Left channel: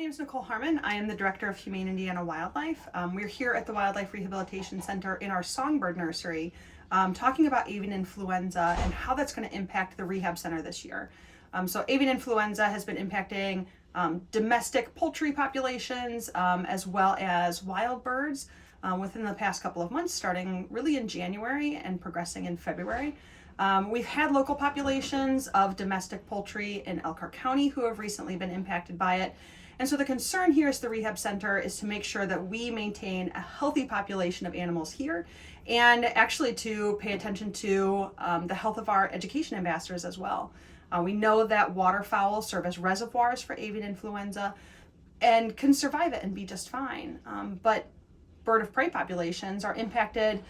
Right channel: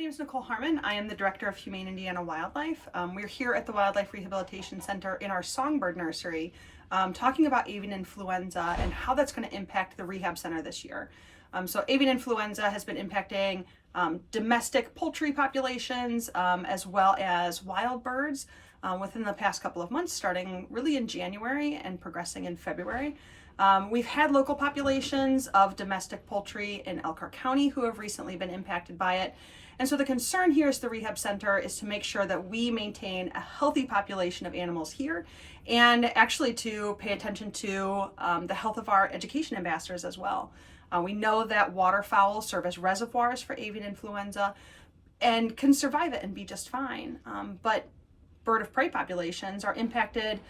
name is Nicole Harmon. I am the Director of Humane Indiana Wildlife. We're here at the Wildlife Rehabilitation Center in our songbird nursery talking about avian influenza and how that's going to impact the rehab center this year. So avian influenza has been impacting domestic poultry populations as well as wild birds within the past couple of months, starting really in January and progressing in February. We've had local populations of domestic poultry in Elkhart County who have recently been impacted by it. And so the concern here as the rehab center is to make sure that we maintain a healthy population of animals here and actually to pay attention to the health of our education ambassadors as well. We know that waterfowl serve as reservoirs for avian influenza and can survive it and be just fine. But bird of prey populations are impacted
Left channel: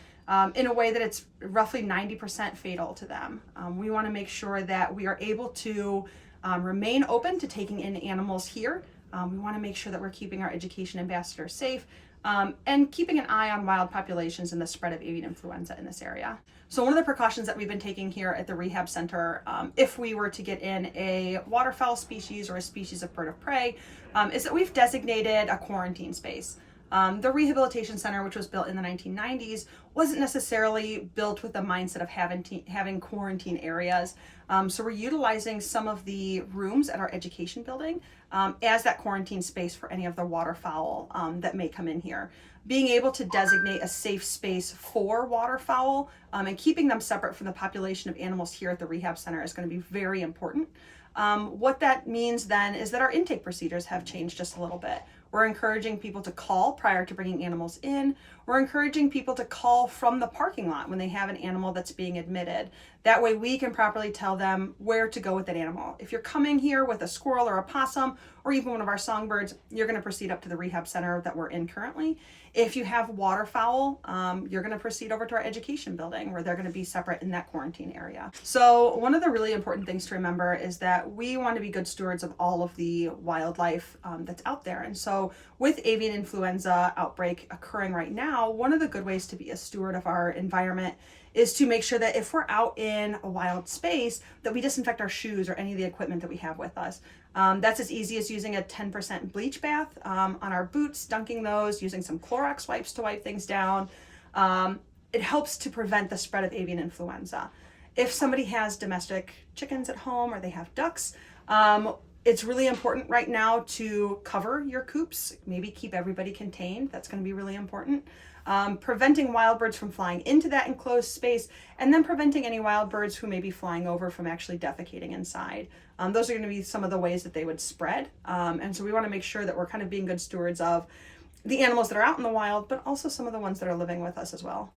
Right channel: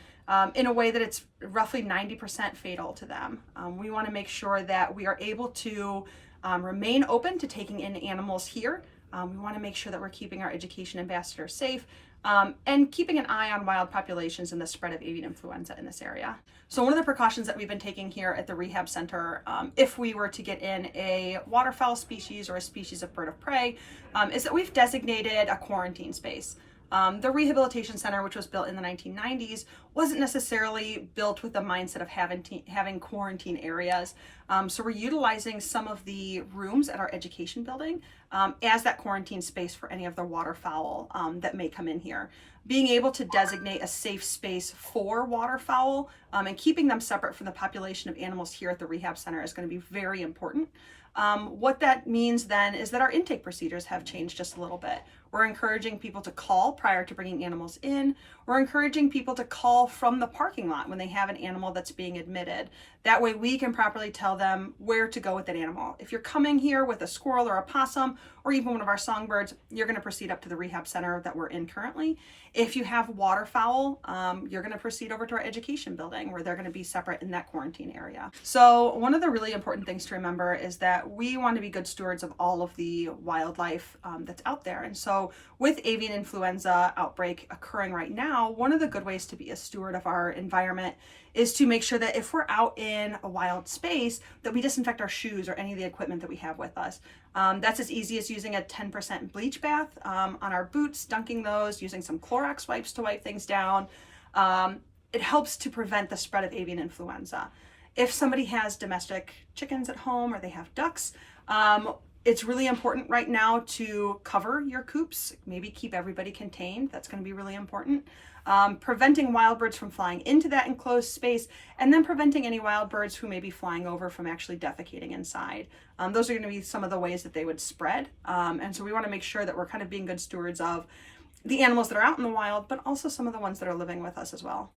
in a way that it's roughly 90% fatal to them. We want to make sure that we are able to remain open to taking in animals here. We want to make sure that we're keeping our education ambassadors safe and keeping an eye on wild populations and the spread of avian influenza in this area. So one of the precautions that we've been taking here at the rehab center, if we were to get in a waterfowl species or a species of bird of prey, is that we've designated a quarantine space. The rehabilitation center, which was built in the 1990s, wasn't necessarily built with the mindset of having quarantine areas. So we're utilizing some of the rooms at our education building as that quarantine space for any of the waterfowl that may come in here. Being able to designate a safe space for waterfowl and keeping them separate from the population of animals here at the rehab center is going to be very important. What that means then is that our intake procedures have changed just a little bit. We're encouraging people to call prior to bringing animals in. We're encouraging people to call from the parking lot when they have an animal that's being admitted. That way we can properly tell them where to go with that animal. If you're coming here with a squirrel or a possum or even one of our songbirds, you're going to proceed up to the rehab center that we're in currently. If you have waterfowl, you're going to proceed over to our education building where they're going to be separate in that quarantine area. So one of the really important things to remember is that we want to be good stewards of all of the wildlife that's out there. And so with avian influenza outbreak occurring right now, one of the good ways to be a steward of our environment is to make sure that if we're out in a wild space that we disinfect our shoes or any of the equipment that we have with us. That's as easy as using a 10% bleach bath on our boots, dunking those, using some Clorox wipes to wipe things down. It helps to prevent the spread of avian influenza. If somebody has domestic chickens at home or they have ducks, it's really important right now to cover your coops, maybe keep everybody contained. That's going to be really important. Preventing wild birds from flying into that enclosed space, and then preventing any wild birds who may be flying over from actually defecating inside. Those are going to be some of the ways that they would spread. And so we want to make sure that we're kind of being good stewards of the animals that are out in the wild, but also some of the ones that are living with us as well.